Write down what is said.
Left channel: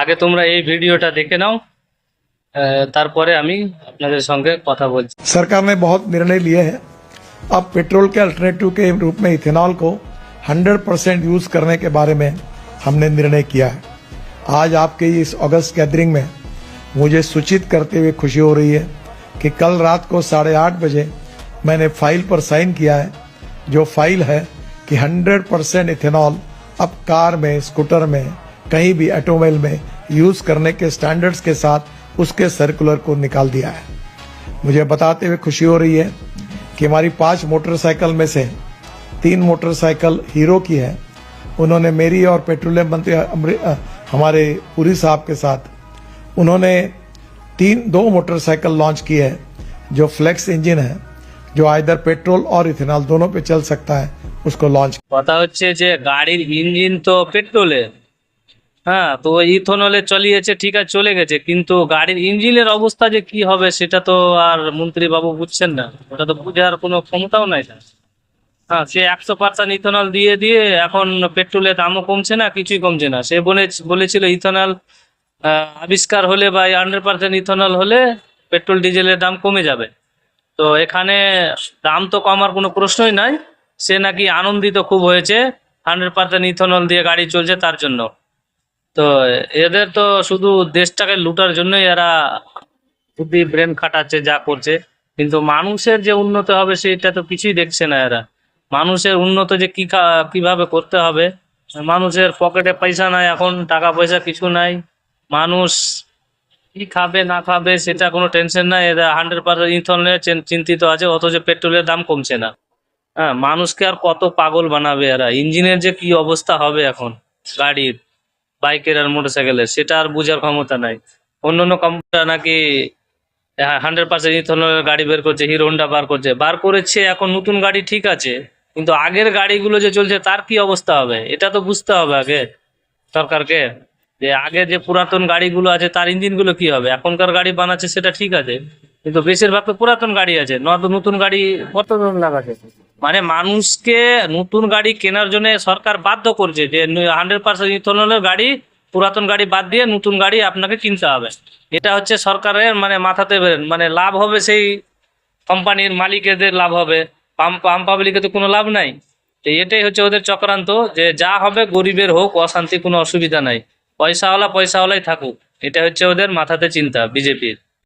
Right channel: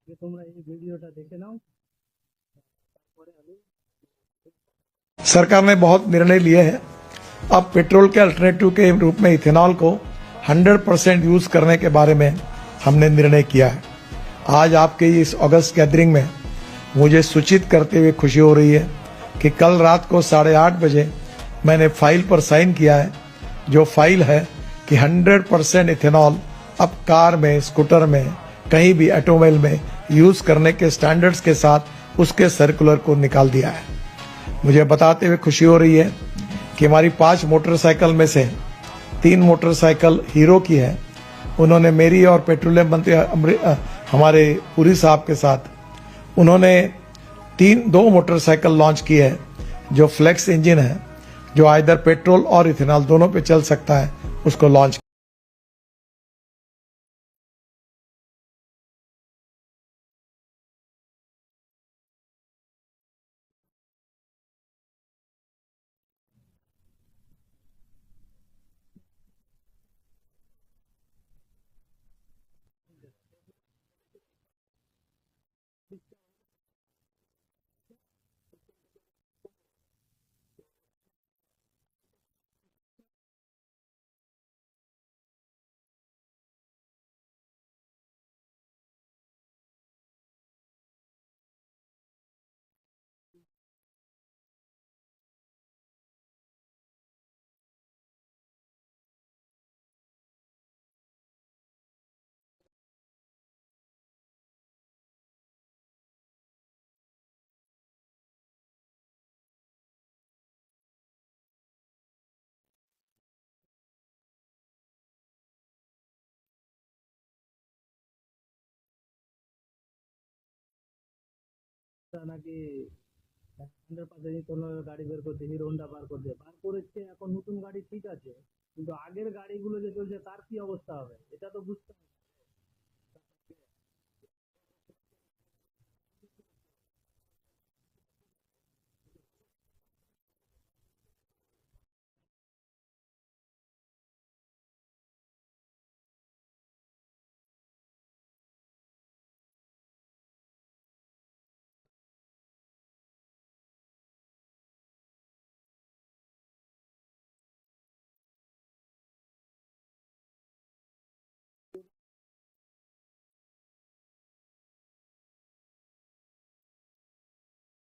আগে তোমরা এই ভিডিওটা দেখে নাও, তারপরে আমি আপনাদের সঙ্গে কথা বলছি। सरकार ने बहुत निर्णय लिए हैं। अब पेट्रोल के अल्टरनेटिव के रूप में इथेनॉल को 100% यूज करने के बारे में हमने निर्णय किया है। आज आपके इस अगस्त गैदरिंग में मुझे सूचित करते हुए खुशी हो रही है कि कल रात को 8:30 बजे मैंने फाइल पर साइन किया है, जो फाइल है कि 100% इथेनॉल अब कार में, स्कूटर में, कहीं भी ऑटोमोबाइल में यूज करने के स्टैंडर्ड्स के साथ उसके सर्कुलर को निकाल दिया है। मुझे बताते हुए खुशी हो रही है कि हमारी 5 मोटरसाइकिल में से 3 मोटरसाइकिल हीरो की है। उन्होंने मेरी और पेट्रोलियम मंत्री हमारे पुरी साहब के साथ उन्होंने 2 मोटरसाइकिल लॉन्च की है, जो फ्लेक्स इंजन है, जो आइदर पेट्रोल और इथेनॉल दोनों पे चल सकता है, उसको लॉन्च। কথা হচ্ছে যে গাড়ির ইঞ্জিন তো পেট্রোলে, হ্যাঁ, তো ইথনলে চালিয়েছে, ঠিক আছে, চলে গেছে, কিন্তু গাড়ির ইঞ্জিনের অবস্থা যে কি হবে সেটা তো আর মন্ত্রী বাবু বুঝছেন না, ওটা তো বুঝার কোনো ক্ষমতাও নাই তার। হ্যাঁ, সে 100% ইথনল দিয়ে দিয়ে এখন পেট্রোলের দামও কমছে না, কিছুই কমছে না। সে বলেছিল ইথনল আবিষ্কার হলে বা 100% ইথনল হলে পেট্রোল ডিজেলের দাম কমে যাবে। তো এখানে দাম তো কমার কোনো প্রশ্নই নাই। সে নাকি আনন্দিত খুব হয়েছে 100% ইথনল দিয়ে গাড়ি চলছে তার জন্য। তো এদের তো শুধু দেশটাকে লুটার জন্যই এরা বুদ্ধি ব্রেন খাটাচ্ছে, যা করছে, কিন্তু মানুষের যে উন্নত হবে সেটা তো কিছুই দেখছে না এরা। মানুষের উন্নত যে কিভাবে করতে হবে, মানুষের পকেটে পয়সা নাই, এখন টাকা পয়সা কিছু নাই, মানুষ কি খাবে না খাবে সেটা কোনো টেনশন নাই, এরা 100% ইথনলে চিন্তিত আছে, অথচ পেট্রোলের দাম কমছে না। হ্যাঁ, মানুষকে আর কত পাগল বানাবে এরা। ইঞ্জিনের যে কি অবস্থা হবে এখন গাড়ির, বাইকের আর মোটরসাইকেলের, সেটা আর বোঝার ক্ষমতা নাই। অন্য অন্য কোম্পানি নাকি 100% ইথনলের গাড়ি বের করছে, হিরো হোন্ডা বার করেছে এখন নতুন গাড়ি, ঠিক আছে, কিন্তু আগের গাড়িগুলো যে চলছে তার কি অবস্থা হবে এটা তো বুঝতে হবে আগে সরকারকে। যে আগে যে পুরাতন গাড়িগুলো আছে তার ইঞ্জিনগুলো কি হবে। এখনকার গাড়ি বানাচ্ছে সেটা ঠিক আছে, কিন্তু বেশিরভাগ তো পুরাতন গাড়ি আছে, নতুন গাড়ি কত জন লাগাচ্ছে। মানে মানুষকে নতুন গাড়ি কেনার জন্য সরকার বাধ্য করছে যে 100% ইথনলের গাড়ি, পুরাতন গাড়ি বাদ দিয়ে নতুন গাড়ি আপনাকে কিনতে হবে। এটা হচ্ছে সরকারের মানে মাথাতে মানে লাভ হবে সেই কোম্পানির মালিকদের, লাভ হবে, পাম পাবলিকের তো কোনো লাভ নাই। তো এটাই হচ্ছে ওদের চক্রান্ত, যে যা হবে গরিবের হোক, অশান্তি, কোনো অসুবিধা নাই, পয়সাওয়ালাই থাকুক, এটা হচ্ছে ওদের মাথাতে চিন্তা বিজেপির।